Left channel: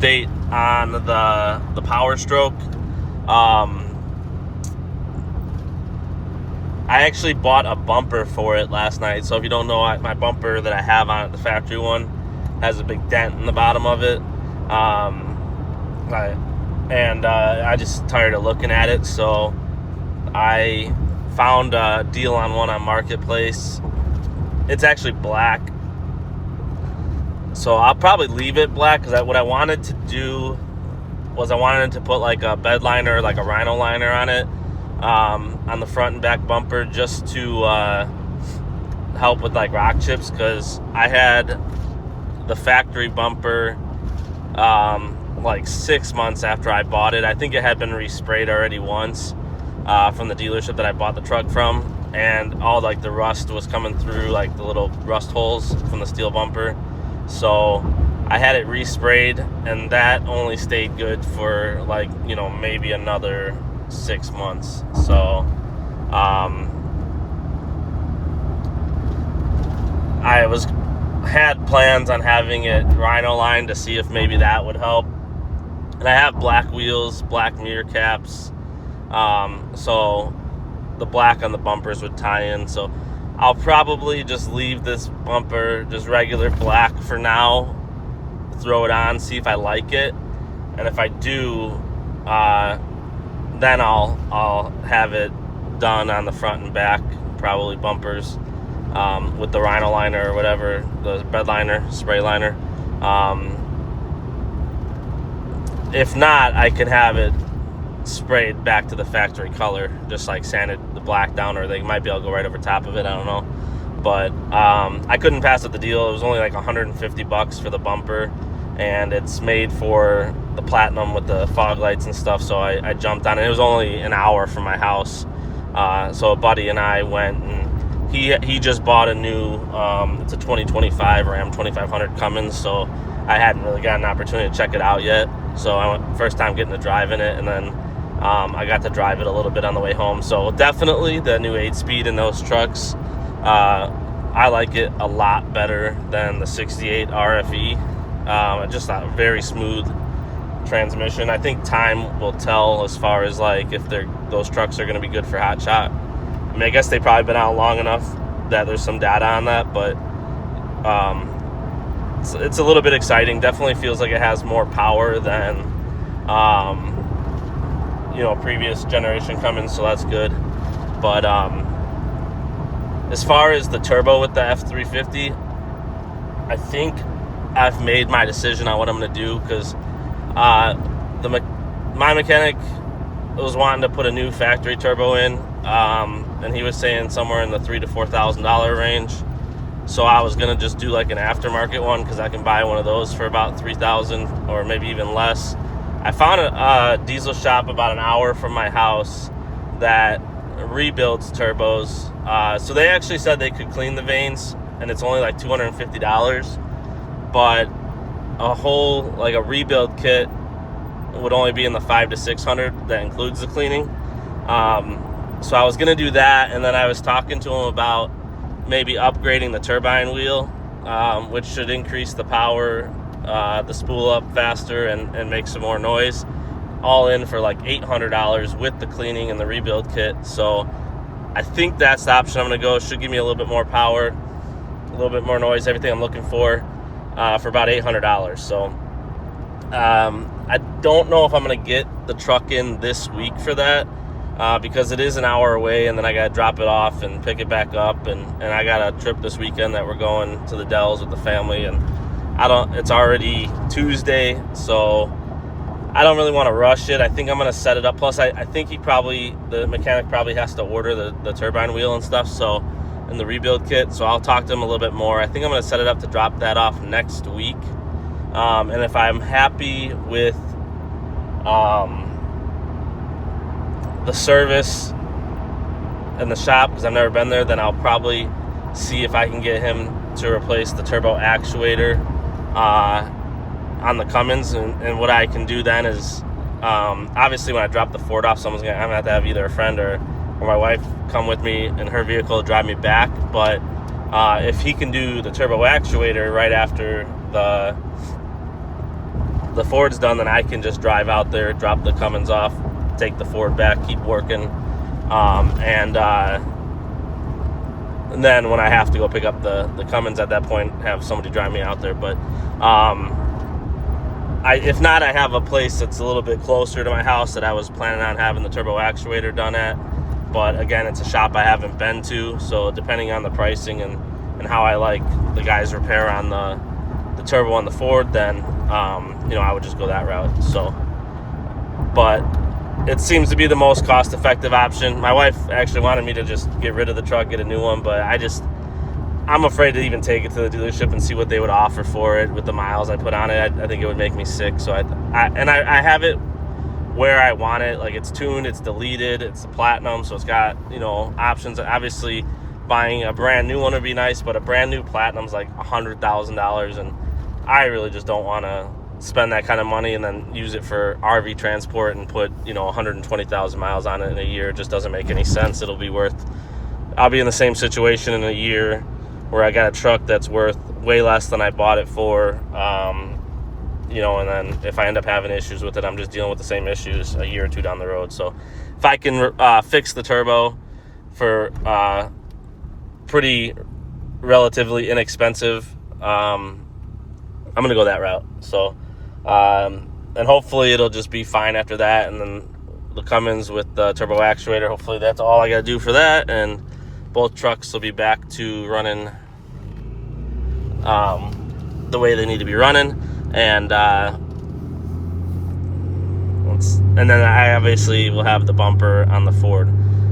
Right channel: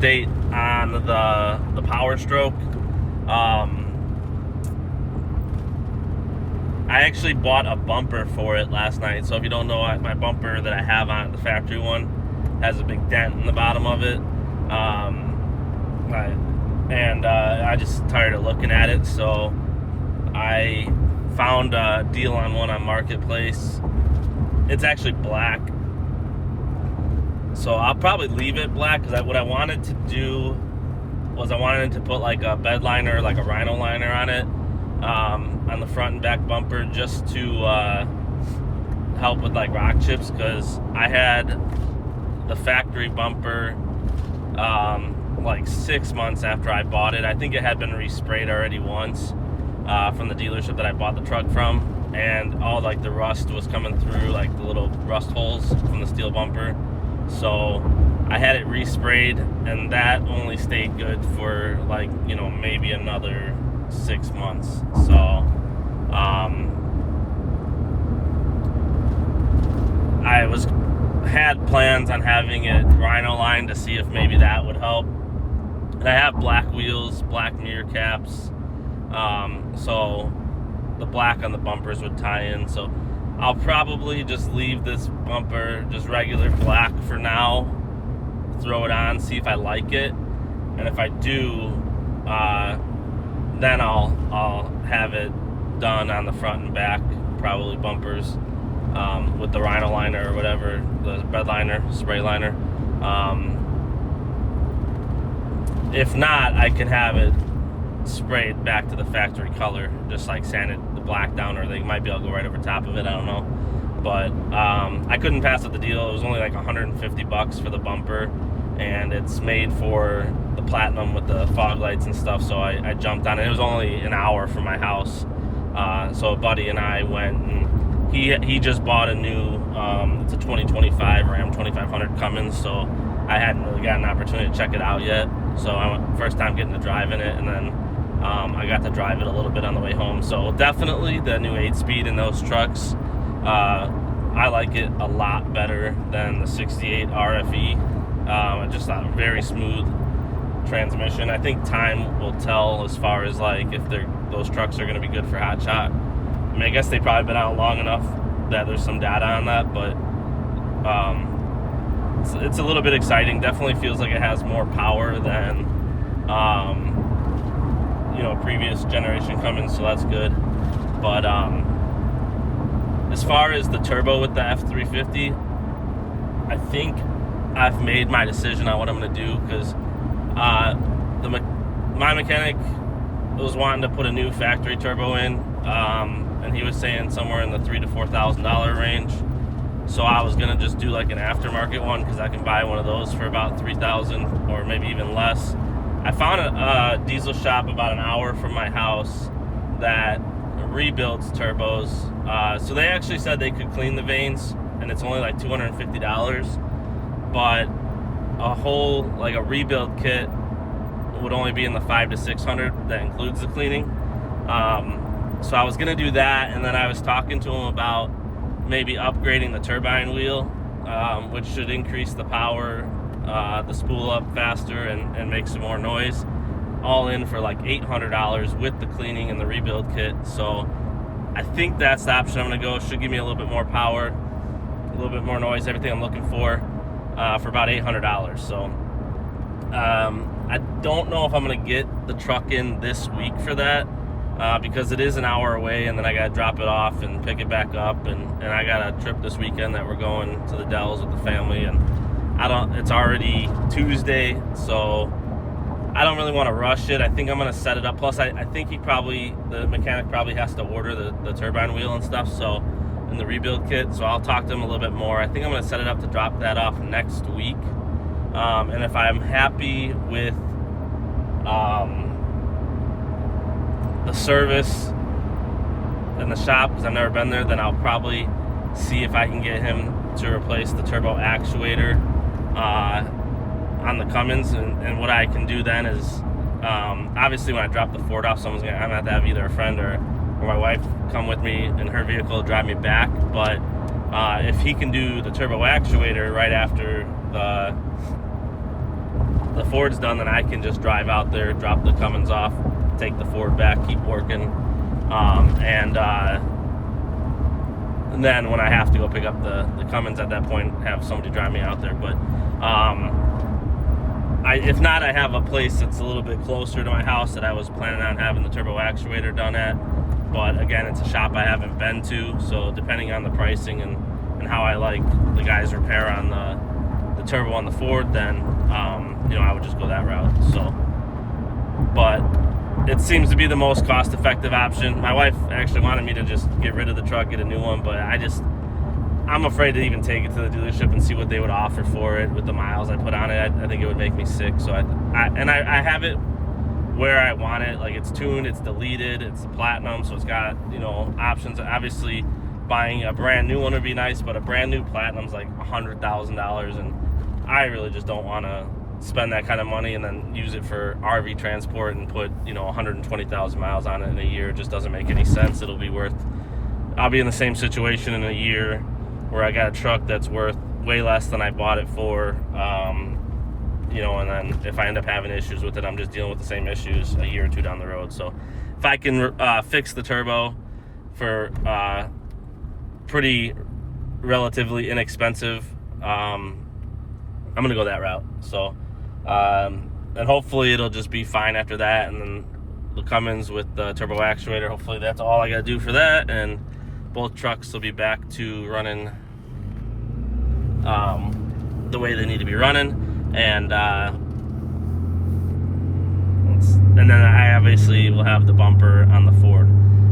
update on the powerstroke. I actually bought a bumper for it last night. So if you don't know, my bumper that I have on it, the factory one, has a big dent in the bottom of it. I just tired of looking at it, so I found a deal on one on Marketplace. It's actually black, so I'll probably leave it black, because what I wanted to do was I wanted to put like a bed liner, like a rhino liner on it, on the front and back bumper, just to help with like rock chips, because I had the factory bumper like 6 months after I bought it. I think it had been resprayed already once from the dealership that I bought the truck from, and all like the rust was coming through, like the little rust holes from the steel bumper. So I had it resprayed, and that only stayed good for like, maybe another 6 months. So I had plans on having it rhino lined to see if maybe that would help. And I have black wheels, black mirror caps, so the black on the bumpers would tie in. So I'll probably just leave this bumper just regular black for now, throw it on, see if I like it, and if I do, then I'll have it done on the front and back, probably bumpers, with the rhino liner or whatever, the bed liner, spray liner. If not, I can have it sprayed back to the factory color, just like sanded the black down, or they might be able to go right over top of it, I don't know. But I couldn't pass up the deal. It was only like $150 for the bumper, and it's made for the platinum with the fog lights and stuff, so I jumped on it. It was only an hour from my house, so a buddy and I went, and he just bought a new it's a 2025 Ram 2500 Cummins, so I hadn't really got an opportunity to check it out yet. So I went, first time getting to drive in it, and then I got to drive it a little bit on the way home. So definitely the new 8-speed in those trucks, I like it a lot better than the 68 RFE. Just a very smooth transmission. I think time will tell as far as like if those trucks are going to be good for hot shot. I mean, I guess they've probably been out long enough that there's some data on that, but it's a little bit exciting. Definitely feels like it has more power than previous generation Cummins, so that's good. But as far as the turbo with the F350, I think I've made my decision on what I'm going to do, because my mechanic was wanting to put a new factory turbo in, and he was saying somewhere in the $3,000 to $4,000 range. So I was gonna just do like an aftermarket one, because I can buy one of those for about $3,000 or maybe even less. I found a diesel shop about an hour from my house that rebuilds turbos. So they actually said they could clean the vanes, and it's only like $250. But a rebuild kit would only be in the $500 to $600. That includes the cleaning. So I was gonna do that, and then I was talking to him about maybe upgrading the turbine wheel, which should increase the power, the spool up faster, and make some more noise, all in for like $800 with the cleaning and the rebuild kit. So I think that's the option I'm going to go. Should give me a little bit more power, a little bit more noise, everything I'm looking for about $800. So I don't know if I'm going to get the truck in this week for that, because it is an hour away, and then I got to drop it off and pick it back up, and I got a trip this weekend that we're going to the Dells with the family, and it's already Tuesday, so I don't really want to rush it. I think I'm going to set it up. Plus, I think the mechanic probably has to order the turbine wheel and stuff, so, and the rebuild kit, so I'll talk to him a little bit more. I think I'm going to set it up to drop that off next week, and if I'm happy with the service and the shop, because I've never been there, then I'll probably see if I can get him to replace the turbo actuator on the Cummins. And what I can do then is, obviously when I drop the Ford off, I'm gonna have to have either a friend or my wife come with me in her vehicle to drive me back. But if he can do the turbo actuator right after the Ford's done, then I can just drive out there, drop the Cummins off, take the Ford back, keep working, and then when I have to go pick up the Cummins at that point, have somebody drive me out there. But if not, I have a place that's a little bit closer to my house that I was planning on having the turbo actuator done at. But again, it's a shop I haven't been to, so depending on the pricing and how I like the guys' repair on the turbo on the Ford, then I would just go that route. So, but it seems to be the most cost-effective option. My wife actually wanted me to just get rid of the truck, get a new one, but I'm afraid to even take it to the dealership and see what they would offer for it with the miles I put on it. I think it would make me sick. So I have it where I want it. Like, it's tuned, it's deleted, it's the platinum, so it's got options. Obviously, buying a brand new one would be nice, but a brand new platinum's like $100,000, and I really just don't want to spend that kind of money and then use it for RV transport and put 120,000 miles on it in a year. It just doesn't make any sense. I'll be in the same situation in a year where I got a truck that's worth way less than I bought it for, and then if I end up having issues with it, I'm just dealing with the same issues a year or two down the road. So if I can fix the turbo for pretty relatively inexpensive, I'm gonna go that route. So and hopefully it'll just be fine after that, and then the Cummins with the turbo actuator, hopefully that's all I gotta do for that, and both trucks will be back to running the way they need to be running. And then I obviously will have the bumper on the Ford.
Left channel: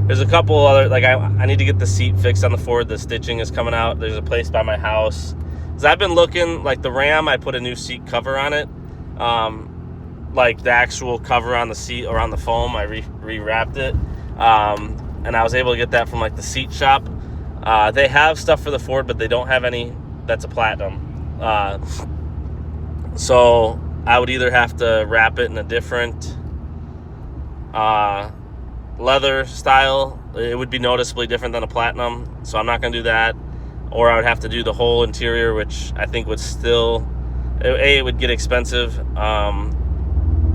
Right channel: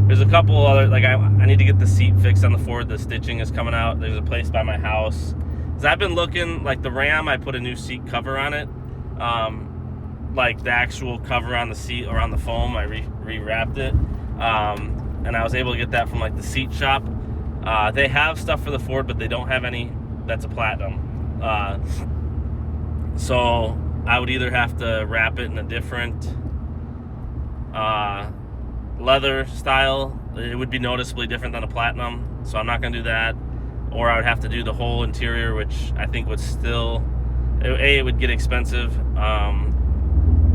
There's a couple other, like I need to get the seat fixed on the Ford. The stitching is coming out. There's a place by my house. So I've been looking, like the Ram, I put a new seat cover on it. Like the actual cover on the seat or on the foam, I rewrapped it. And I was able to get that from like the seat shop. They have stuff for the Ford, but they don't have any that's a platinum. So I would either have to wrap it in a different leather style. It would be noticeably different than a platinum, so I'm not going to do that. Or I would have to do the whole interior, which I think would still, it would get expensive,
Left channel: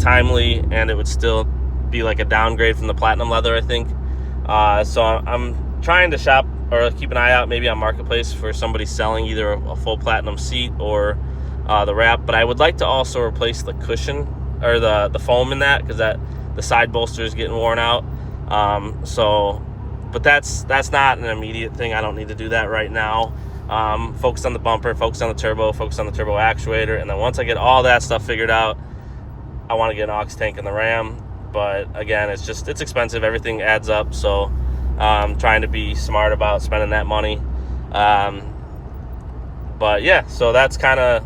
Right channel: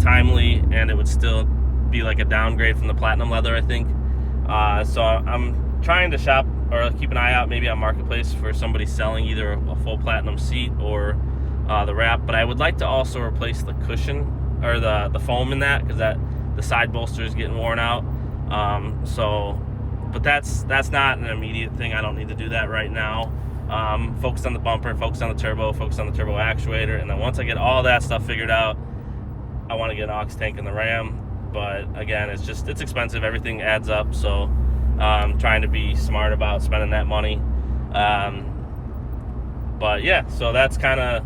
timely, and it would still be like a downgrade from the platinum leather, I think. So I'm trying to shop or keep an eye out maybe on Marketplace for somebody selling either a full platinum seat or the wrap. But I would like to also replace the cushion or the foam in that, because the side bolster is getting worn out. But that's not an immediate thing. I don't need to do that right now. Focus on the bumper, focus on the turbo, focus on the turbo actuator, and then once I get all that stuff figured out, I want to get an aux tank in the Ram. But again, it's expensive. Everything adds up. So trying to be smart about spending that money. But yeah, so that's kind of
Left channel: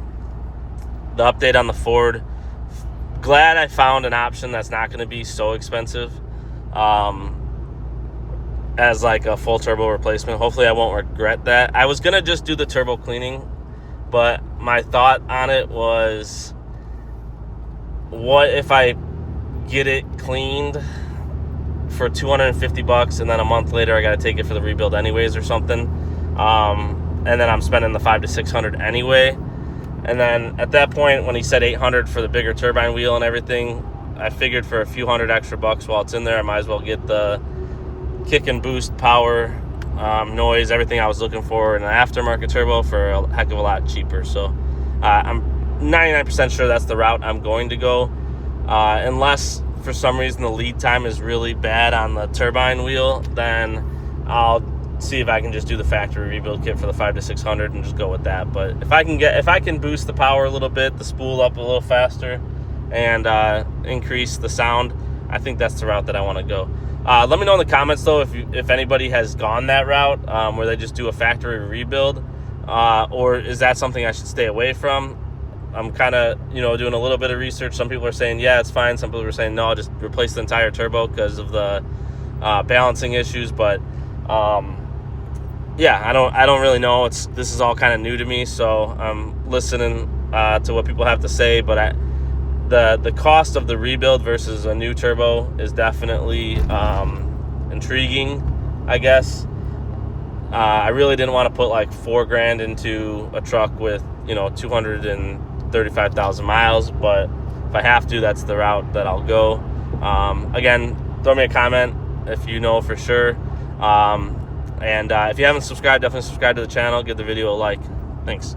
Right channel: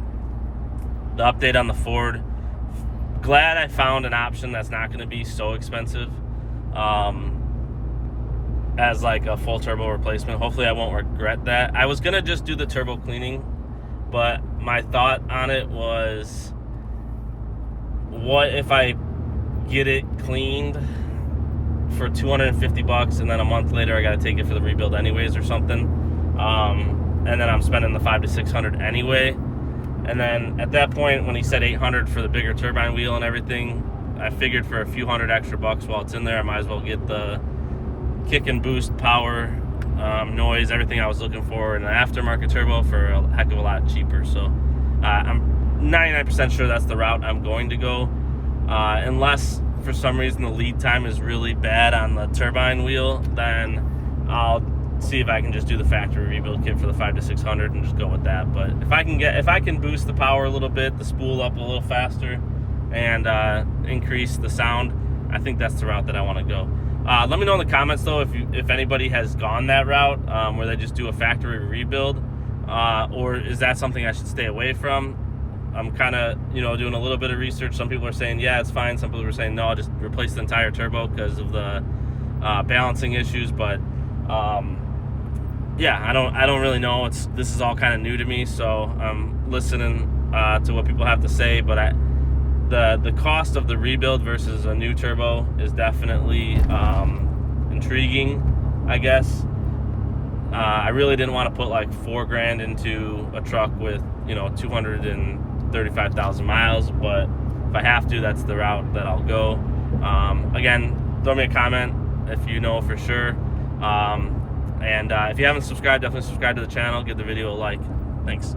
the update on the Ford. Glad I found an option that's not going to be so expensive as like a full turbo replacement. Hopefully I won't regret that. I was going to just do the turbo cleaning, but my thought on it was, what if I get it cleaned for $250 and then a month later I got to take it for the rebuild anyways or something, and then I'm spending the $500 to $600 anyway. And then at that point, when he said $800 for the bigger turbine wheel and everything, I figured for a few $100 extra while it's in there, I might as well get the kick and boost power, noise, everything I was looking for in an aftermarket turbo for a heck of a lot cheaper. So I'm 99% sure that's the route I'm going to go, unless for some reason the lead time is really bad on the turbine wheel. Then I'll see if I can just do the factory rebuild kit for the $500 to $600 and just go with that. But if I can boost the power a little bit, the spool up a little faster, and increase the sound, I think that's the route that I want to go. Let me know in the comments though if anybody has gone that route, where they just do a factory rebuild, or is that something I should stay away from? I'm kind of doing a little bit of research. Some people are saying yeah, it's fine. Some people are saying no, just replace the entire turbo because of the balancing issues. But yeah, I don't really know. This is all kind of new to me, so I'm listening to what people have to say. But the cost of the rebuild versus a new turbo is definitely intriguing, I guess. I really didn't want to put like $4,000 into a truck with 235,000 miles, but if I have to, that's the route that I'll go. Again, throw me a comment if you know for sure. And if you haven't subscribed, definitely subscribe to the channel. Give the video a like. Thanks.